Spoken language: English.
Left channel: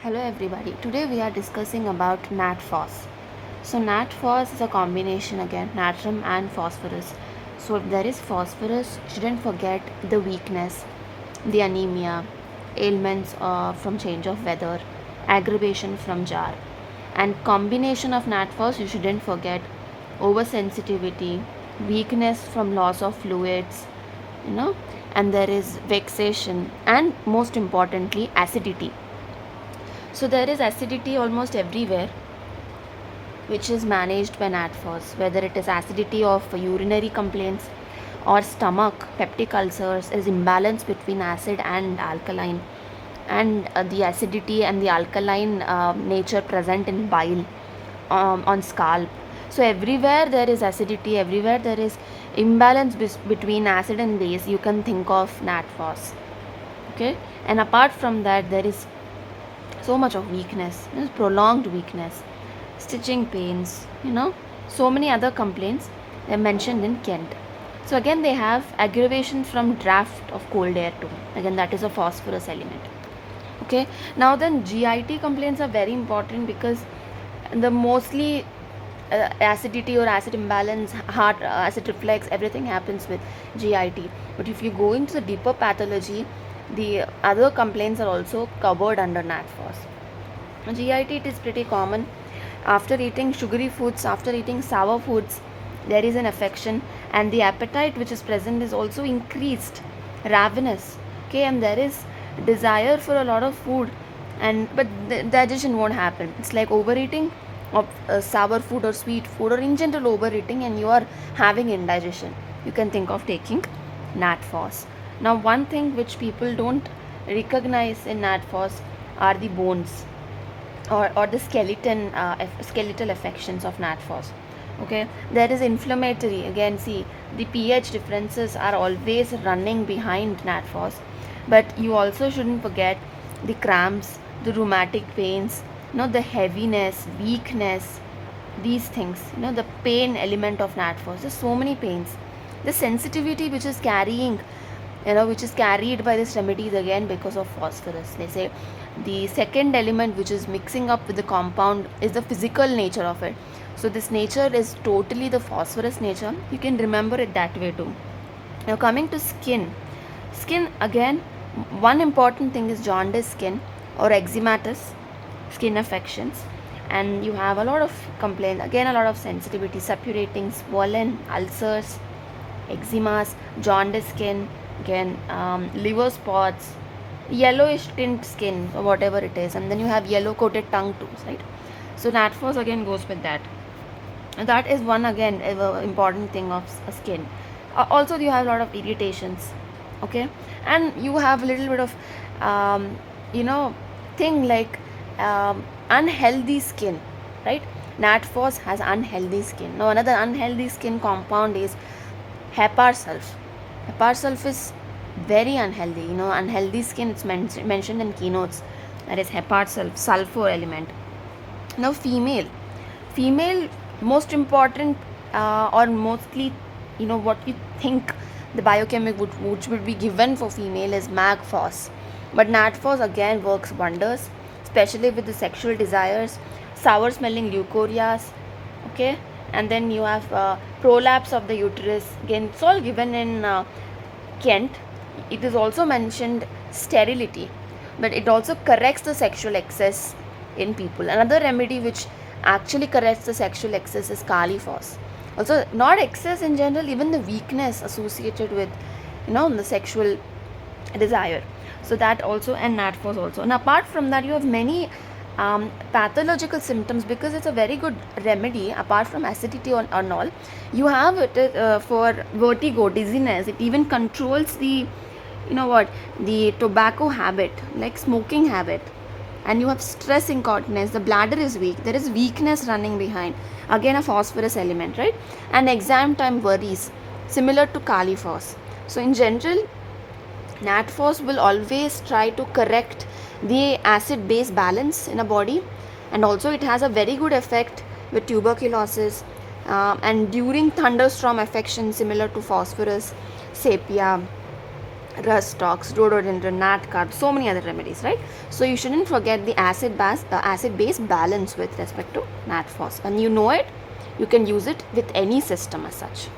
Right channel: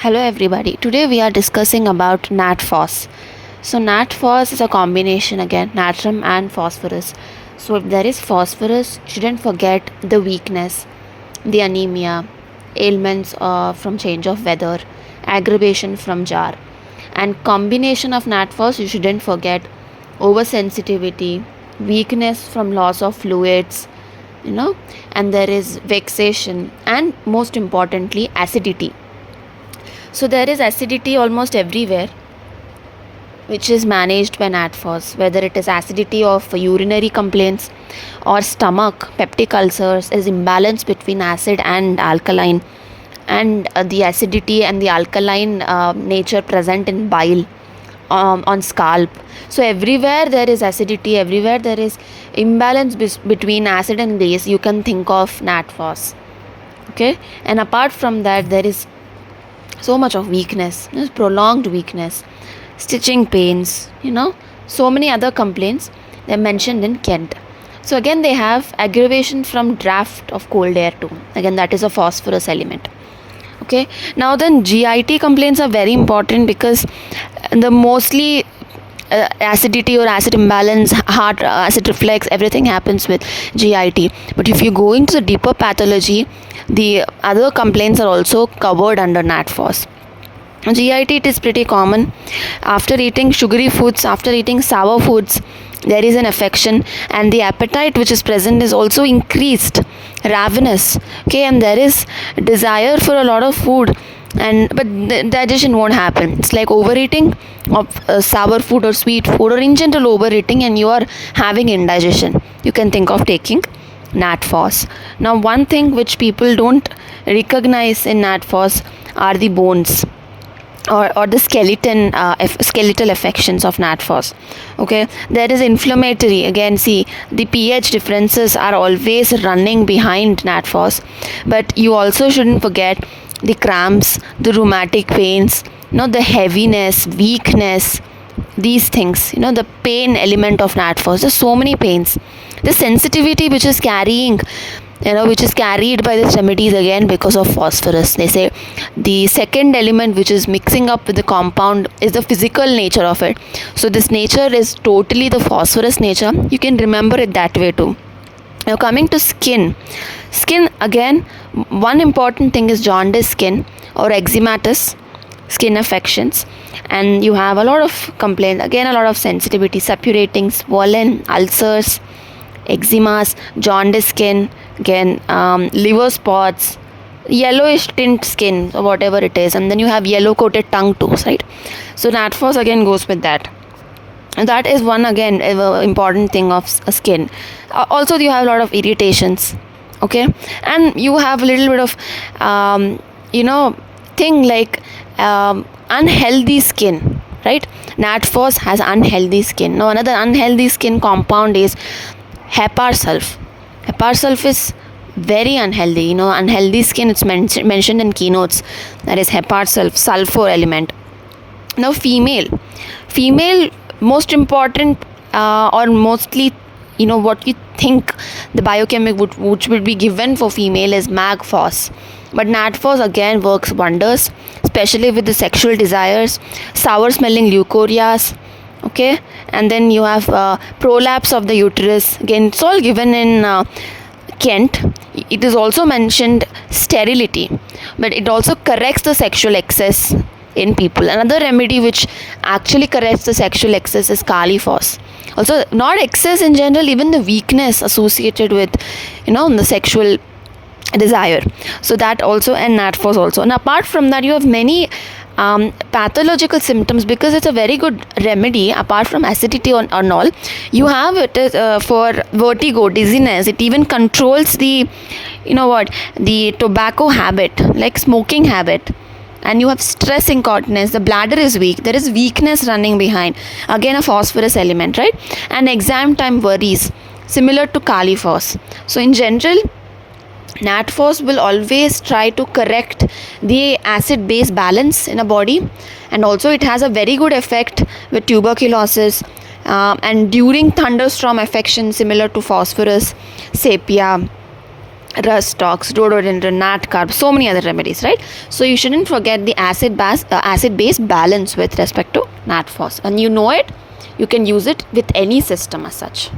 Hello everybody. Today we are discussing about Phos. So Phos is a combination again natrum and phosphorus. So if there is phosphorus, shouldn't forget the weakness, the anemia, ailments from change of weather, aggravation from jar, and combination of Phos you shouldn't forget oversensitivity, weakness from loss of fluids, and there is vexation and most importantly acidity. So there is acidity almost everywhere, which is managed by Phos, whether it is acidity of urinary complaints or stomach, peptic ulcers, is imbalance between acid and alkaline, and the acidity and the alkaline nature present in bile, on scalp. So everywhere there is acidity, everywhere there is imbalance between acid and base, you can think of Phos. Okay, and apart from that, there is so much of weakness, prolonged weakness, stitching pains, so many other complaints they're mentioned in Kent. So again they have aggravation from draft of cold air too. Again that is a phosphorus element. Okay, now then GIT complaints are very important because the mostly acidity or acid imbalance, heart acid reflux, everything happens with GIT. But if you go into the deeper pathology, the other complaints are also covered under Phos. GIT, it is pretty common after eating sugary foods, after eating sour foods. There is an affection, and the appetite which is present is also increased, ravenous. Okay, and there is desire for a lot of food, but the digestion won't happen. It's like overeating of sour food or sweet food, or in general overeating, and you are having indigestion. You can think of taking Phos. Now one thing which people don't recognize in Phos are the bones or the skeletal affections of Phos. Okay, there is inflammatory. Again, see, the pH differences are always running behind Phos, but you also shouldn't forget the cramps, the rheumatic pains, the heaviness, weakness, these things, the pain element of Phos. There's so many pains, the sensitivity which is carrying, which is carried by the remedies, again because of phosphorus. They say the second element which is mixing up with the compound is the physical nature of it. So this nature is totally the phosphorus nature. You can remember it that way too. Now coming to skin again, one important thing is jaundice skin or eczematous skin affections, and you have a lot of complaints, again a lot of sensitivity, suppurating, swollen, ulcers, eczemas, jaundice skin, again liver spots, yellowish tint skin or whatever it is, and then you have yellow coated tongue too, right? So Phos again goes with that. And that is one again important thing of skin. Also you have a lot of irritations. Okay, and you have a little bit of thing like unhealthy skin, right? Phos has unhealthy skin. Now another unhealthy skin compound is hepar sulf. Hepar sulf is very unhealthy. Unhealthy skin, it's mentioned in keynotes. That is hepar sulf, sulfur element. Now female, most important or mostly, what you think the biochemic which would be given for female is Phos. But Phos again works wonders, especially with the sexual desires, sour smelling leucorias. Okay, and then you have prolapse of the uterus. Again, it's all given in Kent. It is also mentioned sterility, but it also corrects the sexual excess in people. Another remedy which actually corrects the sexual excess is Kali Phos. Also, not excess in general, even the weakness associated with the sexual desire. So that also, and Phos also. And apart from that, you have many pathological symptoms, because it's a very good remedy. Apart from acidity and all, you have it for vertigo, dizziness. It even controls the the tobacco habit, like smoking habit. And you have stress incontinence, the bladder is weak, there is weakness running behind, again a phosphorus element, right? And exam time worries, similar to Kali Phos. So in general, Phos will always try to correct the acid base balance in a body, and also it has a very good effect with tuberculosis and during thunderstorm affection, similar to phosphorus, sepia, rust tox, rhododendron, nat carb, so many other remedies, right? So you shouldn't forget the acid base balance with respect to nat phos, and you know it, you can use it with any system as such.